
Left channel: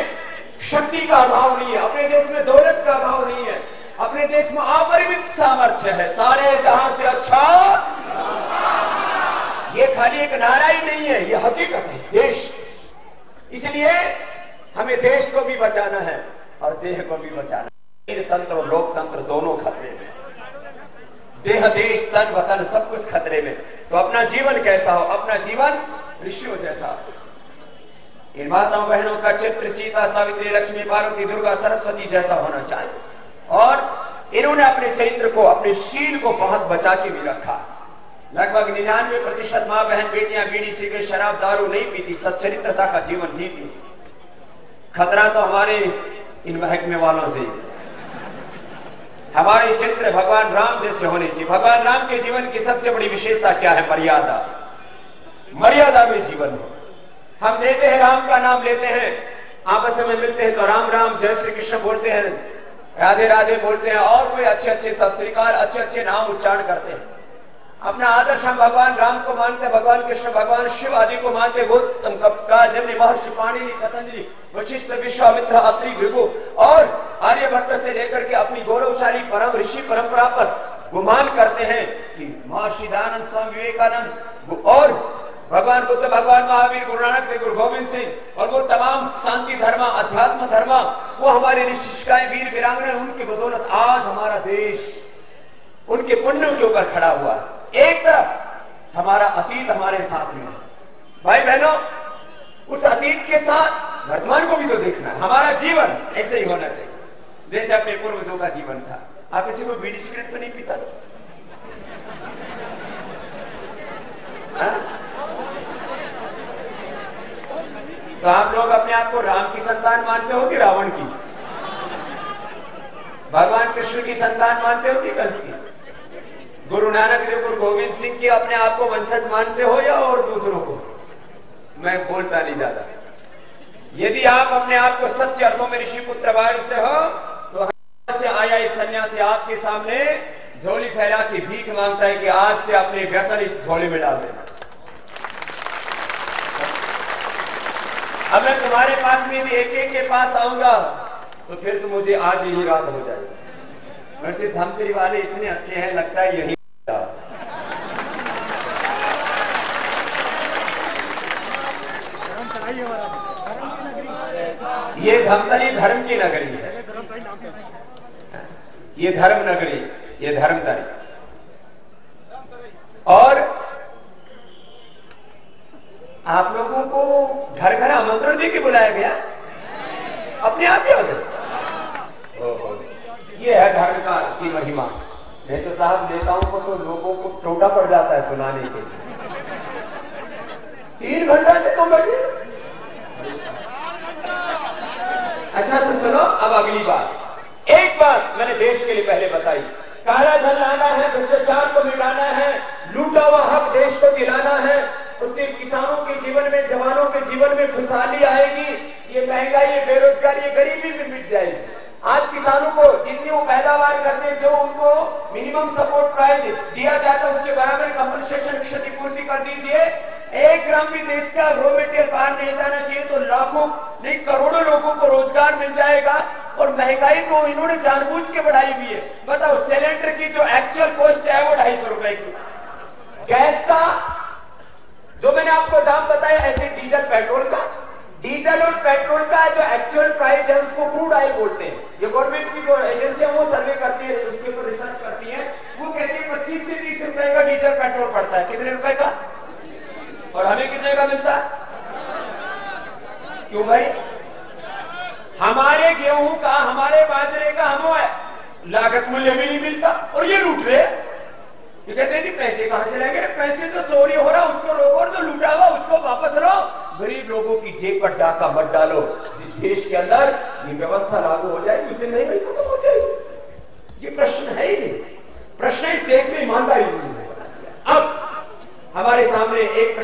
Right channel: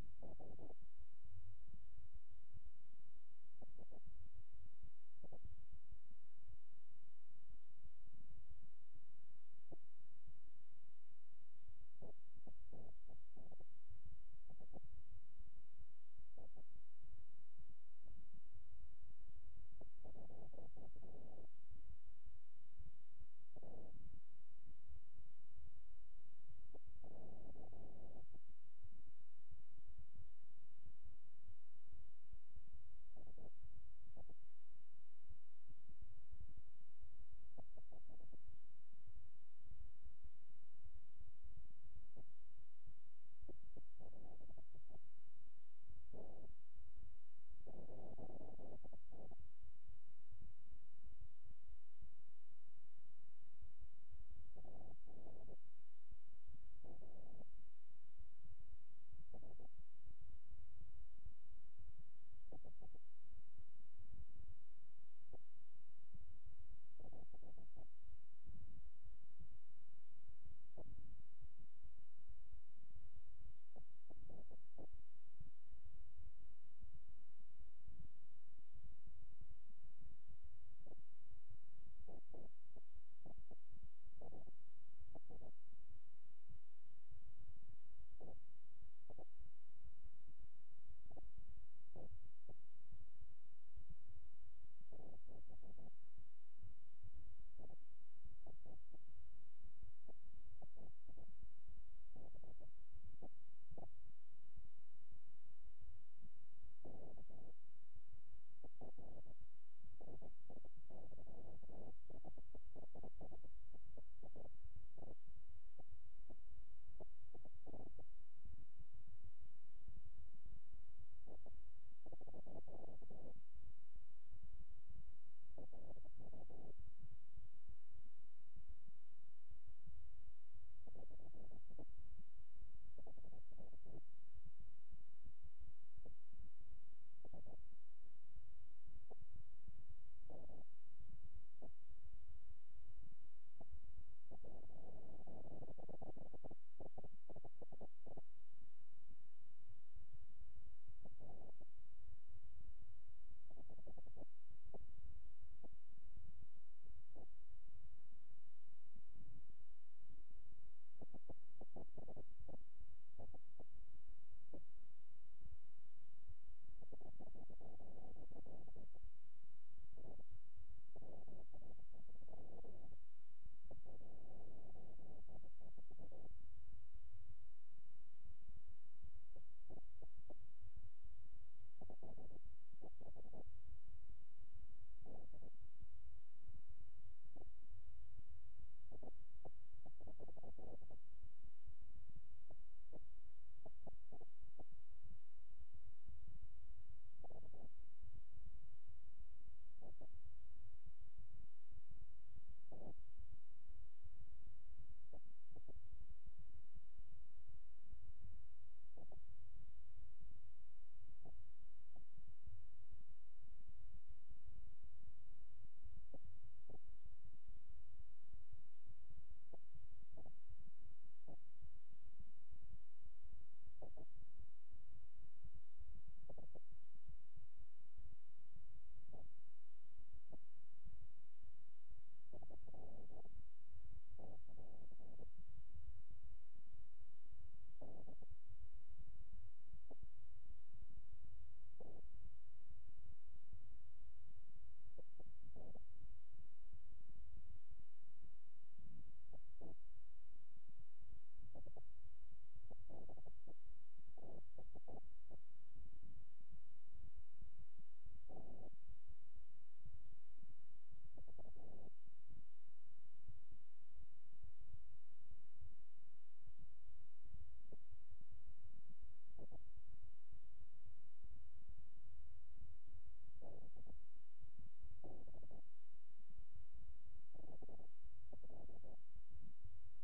शक्ति का अभाव नहीं है, अपने देश में दौलत का अभाव नहीं है, अपने देश में अपरिमित सामर्थ्य है, सारे जहां से अच्छा। ये खाली एक नारा ही नहीं है, ये हकीकत है इस देश। इसलिए हमें देश को भी बचाना है और देह को भी बचाना है। तंत्र और लोकतंत्र दोनों खतरे में, देह, देश, तन, वतन सब कुछ खतरे में। तो अपना जीवन कैसा हो? अपना जीवन ऋषियों जैसा। इन माताओं बहनों का चित्र सीता, सावित्री, लक्ष्मी, पार्वती, दुर्गा, सरस्वती जैसा होना चाहिए। और इन्होंने अपने चरित्र को, अपने शील को बहुत बचा के भी रखा। लगभग 99% माँ बहन बेटियां बीड़ी, सिगरेट, शराब, दारू नहीं पीती, सच्चरित्रता का जीवन जीती। खतरा तो हमारे इन महकमे वालों से। हमारे चित्र भगवान राम जैसे होने चाहिए। भगवान राम के जीवन की सबसे बड़ी विशेषता क्या है? मर्यादा। मर्यादा में जीवन हो। हम लेते हैं, राम का नाम लेते हैं, आपस में मिलते हैं तो राम राम, जय श्री कृष्ण बोलते हैं, राधे राधे बोलते हैं, और कोई अच्छे अच्छे सत श्री अकाल, अच्छे अच्छे नाम उच्चारण करते हैं। अपना आदर्श हम भगवान राम को मानते हैं, भगवान कृष्ण, भगवान शिव आदि को मानते हैं। गौतम, कपिल, जमनी, महर्षि, पाणिनि, पतंजलि, वशिष्ठ, विश्वामित्र, अत्रि, भृगु और आर्यभट्ट से लेकर के अपनी गौरवशाली परम ऋषि परंपरा पर गुमान करते हैं कि महर्षि दयानंद, स्वामी विवेकानंद और भगवान बुद्ध, भगवान महावीर, गुरु नानक देव, गुरु गोविंद सिंह और वो तमाम शांति धर्म, अध्यात्म धर्म, वो हमारे ऋषिकाएं, वीर वीरांगना, उनकी बदौलत आज हमारा देश उनके पुण्यों के ऊपर खड़ा हुआ है। एक तरफ हमारा अतीत हमारे साथ में है। भाई बहनों, उस अतीत के साथ वर्तमान को भी तो देखना है। हमारा जीवन ऐसे ही होना चाहिए जैसे अपने पूर्वजों का जीवन था। आप किसी को बीड़ी सिगरेट तो नहीं पीता? तो आप लोग अपने आप को राम की संतान मानते हो कि रावण की? भगवान कृष्ण की संतान मानते हो कि कंस की? गुरु नानक देव, गुरु गोविंद सिंह के अपने आप को वंशज मानते हो या और दूसरों को? मैं बोलता नहीं ज्यादा। यदि आप अपने आप को सच्चे अर्थों में ऋषि पुत्र मानते हो तो से आया एक सन्यासी आपके सामने झोली फैला के भीख मांगता है कि आज से अपने व्यसन इस झोली में डाल देना। अब मैं तुम्हारे पास में भी एक एक के पास आऊंगा तो फिर तो मुझे आज यही रात हो जाएगी। वैसे धमतरी वाले इतने अच्छे हैं, लगता है यही ये धमतरी धर्म की नगरी है, ये धर्म नगरी, ये धर्मतरी। और आप लोगों को घर घर आमंत्रण दे के बुलाया गया, अपने आप ही आ गए। ओहो, ये है धर्म का की महिमा। नहीं तो साहब नेताओं को तो लोगों को टोटा पड़ जाता है सुनाने के। 3 घंटा से तुम बैठे। अच्छा तो सुनो, अब अगली बात। एक बात मैंने देश के लिए पहले बताई, काला धन लाना है, भ्रष्टाचार को मिटाना है, लूटा हुआ हक देश को दिलाना है, उससे किसानों के जीवन में, जवानों के जीवन में खुशहाली आएगी, ये महंगाई, ये बेरोजगारी, ये गरीबी भी मिट जाएगी। आज किसानों को जितनी वो पैदावार करते हैं, जो उनको मिनिमम सपोर्ट प्राइस दिया जाता है, उसके बराबर कंपनसेशन, क्षतिपूर्ति कर दीजिए। 1 ग्राम भी देश का रॉ मटेरियल बाहर नहीं जाना चाहिए तो लाखों नहीं करोड़ों लोगों को रोजगार मिल जाएगा। और महंगाई तो इन्होंने जानबूझ के बढ़ाई हुई है। बताओ, सिलेंडर की जो एक्चुअल कॉस्ट है वो 250 रुपए की, गैस का जो मैंने आपको दाम बताया, ऐसे डीजल पेट्रोल का, डीजल और पेट्रोल का जो एक्चुअल प्राइस है उसको क्रूड ऑयल बोलते हैं। ये गवर्नमेंट की जो एजेंसी है वो सर्वे करती है, उसके ऊपर रिसर्च करती है, वो कहती है 25 से 30 रुपए का डीजल पेट्रोल पड़ता है। कितने रुपए का? और हमें कितने का मिलता है? क्यों भाई? हमारे गेहूं का, हमारे बाजरे का हमें लागत मूल्य भी नहीं मिलता और ये लूट रहे। ये कहते हैं कि पैसे कहां से लाएंगे? पैसे तो चोरी हो रहा उसको रोको, और जो लूटा हुआ उसको वापस लो। गरीब लोगों की जेब पर डाका मत डालो। जिस देश के अंदर ये व्यवस्था लागू हो जाएगी उस दिन महंगाई खत्म हो जाएगी।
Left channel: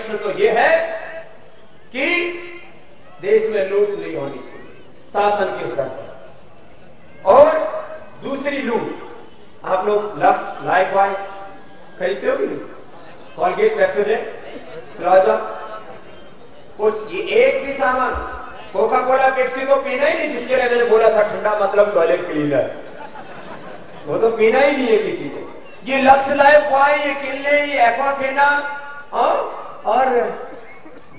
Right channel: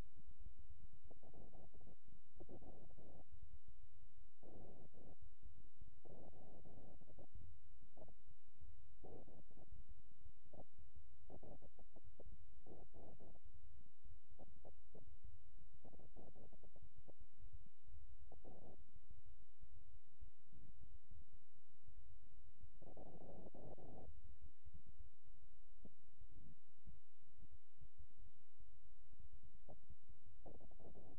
लक्ष्य तो यह है कि देश में लूट नहीं होनी चाहिए शासन के स्तर पर। और दूसरी लूट, आप लोग लक्स, लाइफ बॉय खरीदते हो कि नहीं? कॉलगेट, पेप्सोडेंट, प्लाजा, कुछ ये एक भी सामान, कोका कोला, पेप्सी तो पीना ही नहीं, जिसके लिए मैंने बोला था ठंडा मतलब टॉयलेट क्लीनर, वो तो पीना ही नहीं है किसी को। ये लक्स, लाइफ बॉय, ये किले, ये एक्वाफेना और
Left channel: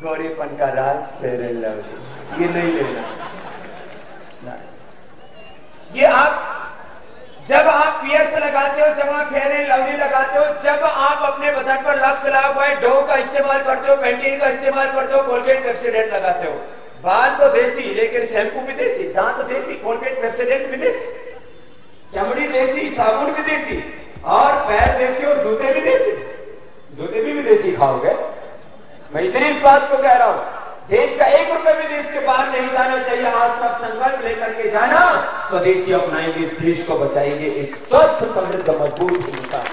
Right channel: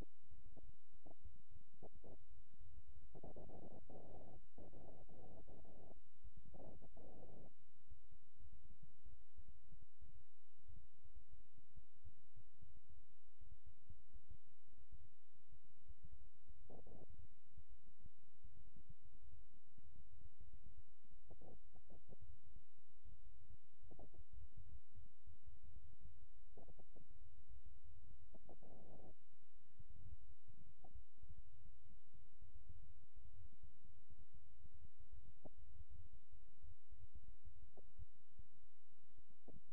गौरीपन का राज फेयर एंड लवली, ये नहीं लेना। ये आप जब आप पियर्स लगाते हो, जब आप फेयर एंड लवली लगाते हो, जब आप अपने बदन पर लक्स, लाइफ बॉय, डो का इस्तेमाल करते हो, पेंटीन का इस्तेमाल करते हो, कोलगेट, पेप्सोडेंट लगाते हो, बाल तो देसी लेकिन शैम्पू भी देसी, दांत देसी, कोलगेट, पेप्सोडेंट भी देसी, चमड़ी देसी, साबुन भी देसी, और पैर देसी और जूते भी देसी। जूते भी विदेशी खाओगे? मैं इसलिए इस बात को कह रहा हूं, देश का 1 रुपए भी देश के बाहर नहीं जाना चाहिए। आज सब संकल्प लेकर के जाना, स्वदेशी अपनाएंगे, देश को बचाएंगे, एक स्वस्थ, समृद्ध, मजबूत हिंदुस्तान।